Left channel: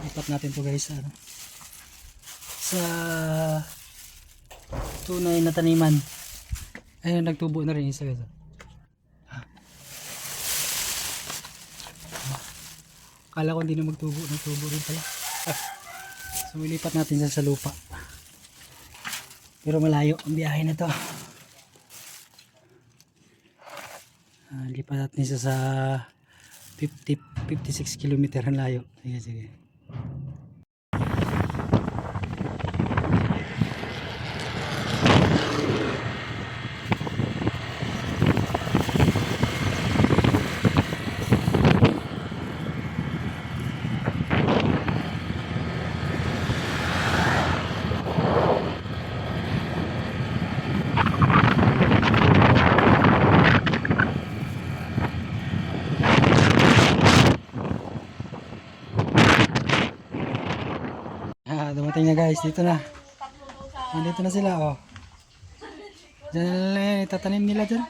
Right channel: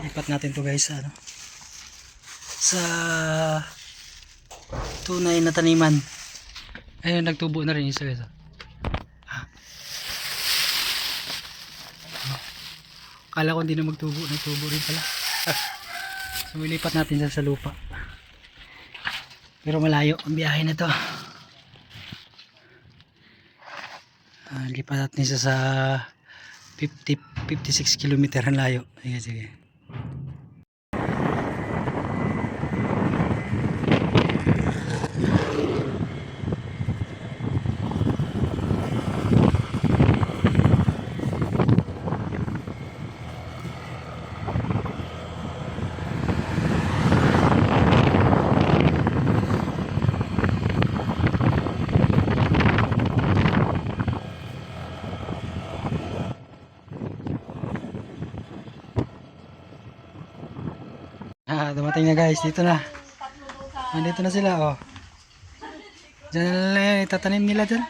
Lipat natin to guys ano, sa tunay na taniman. Ayun, nagtubo na rin isa guys. Kala ko hindi na magtubo, nagtubo rin pala. So ilipat natin sa lupa. Pero malayo ang biyahe na to. Lipat natin siya sa 56 kilometer ang layo. Sige, sige. Dumating na guys, dito na. Nandito na sila, oh. Diyan na lang itatanim nila dyan.